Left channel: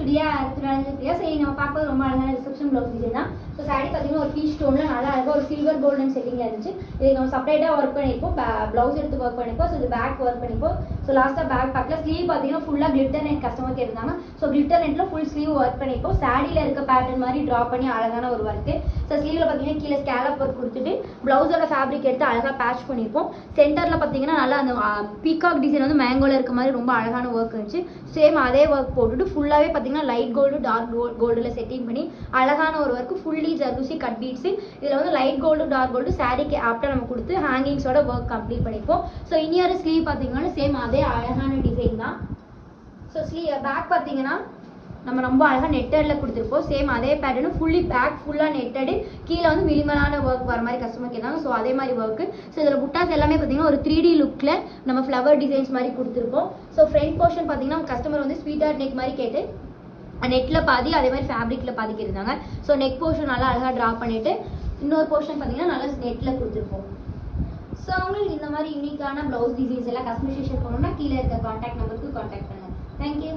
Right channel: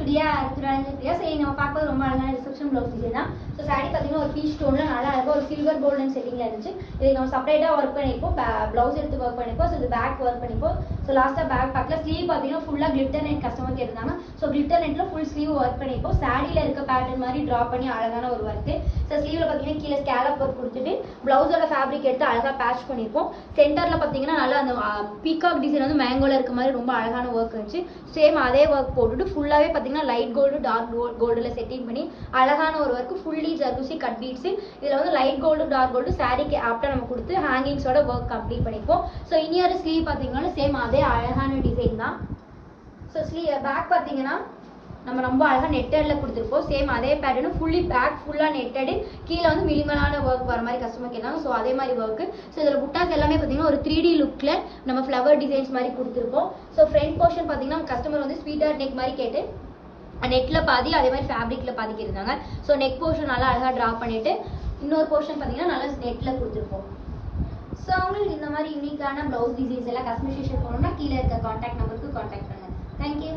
today நம்ம பார்க்க ரொம்ப அழகான ரிசப்ஷன் ப்ளவுஸ் டிசைன் தான். ஸோ சாரி பார்த்தீங்கன்னா ஒரு பீச் ஸ்டோன்ல நல்லா அழகாக ஒரு சில்வர் கோல்டன் செட்டிங்ல இருந்துச்சு. இதுக்கு நம்ம செப்பரேட்டாக ஒர்க் பண்ணியிருப்போம், ப்ளவுஸ் எடுத்து ஒர்க் பண்ணிப்போம். ஸோ இது பேக் ஒர்க் பண்ணிப்போம். ஸோ லாஸ்ட்டாக பேக் பக்கத்தில் ஸ்லீவ் பார்த்தீங்கன்னா ஃபுல்லாக கிளிட்டர் நெட் கஸ்டமர் கேட்டிருந்தாங்க. ஸோ கிளிட்டர் நெட்ல ஃபுல் ஸ்லீவ் ஒர்க் பண்ணிப்போம். சாரியில் இருக்க பேட்டர்ன் மாதிரி ட்ரா பண்ணி அழகான ஒரு ஒர்க்கு. ஸோ ஸ்லீவ்ல பார்த்தீங்கன்னா கீழே ஸ்கேலப் ஒர்க் கொடுத்துட்டு ப்ளவுஸோட ஃபேப்ரிக் எடுத்து அழகாக பேட்ச் பண்ணியிருப்போம். சென்டரில் பார்த்தீங்கன்னா நல்லா அந்த பீகாக் டிசைன் வந்து மேங்கோல இருக்க மாதிரி ரொம்ப அழகான ஒர்க் இருந்துச்சு. சேம் அதே ஒர்க் போட்டுட்டு ஃபுல்லாகவே பார்த்தீங்கன்னா லைட் கோல்டு டார்க் கோல்டில் செட்டிங் பண்ணி அழகான ஒரு work fully zardozi cut beads. இதில் வந்து லைட் கோல்டு டார்க் கோல்டு சாரிக்கு ஆப்டாக நம்ம கொடுத்து ஹேங்கிங்ஸோட ஒர்க் கம்ப்ளீட் பண்ணிப்போம். ஸோ இன்னொரு ஸ்லீவ் பார்த்தீங்கன்னா சேம் அதே அழகான டிசைன் தான். ஸோ பேக் பார்த்தீங்கன்னா நம்ம ரொம்ப அழகாக நெட்டடில் கொடுத்துருப்போம். சேம் அதே பேட்டர்னு ஃபுல்லி பேக் ஃபுல்லாக நெட்டடு, கீழே வந்து மினிமலான ஒர்க் வர மாதிரி கஸ்டமர் கேட்டாங்க. ஸோ அதே மாதிரி ஒர்க்கு. ஸோ இதில் புட்டாஸ் எல்லாமே பார்த்தீங்கன்னா ஒரு 3D லுக்கில் நம்ம ஃப்ளவர் டிசைன்ஸ் மாதிரி கொடுத்துருப்போம். ஸோ ஃப்ரண்ட் போர்ஷன் பார்த்தீங்கன்னா கஸ்டமர் வந்து ஸ்வீட்டாக நெக் மாதிரி கேட்டு நெட்டில் பாதி அதே மாதிரி ஃபேப்ரிக்கில் பாதிக்கு இருந்தாங்க. ஸோ நெக் போர்ஷன் நல்லா அழகாக ட்ரா பண்ணிவிட்டு இன்னொரு போர்ஷன் பார்த்தீங்கன்னா நல்லா நெட்டில் கொடுத்துருப்போம். ஸோ அவங்களுக்கு இந்த மாதிரி யூனிக்கான ப்ளவுஸ் டிசைன்ஸ் எல்லாம் கஸ்டமைசேஷன் பண்ணணும்னா கீழே இருக்க கான்டாக்ட் நம்பருக்கு கான்டாக்ட் பண்ணுங்கள். தேங்க்யூ.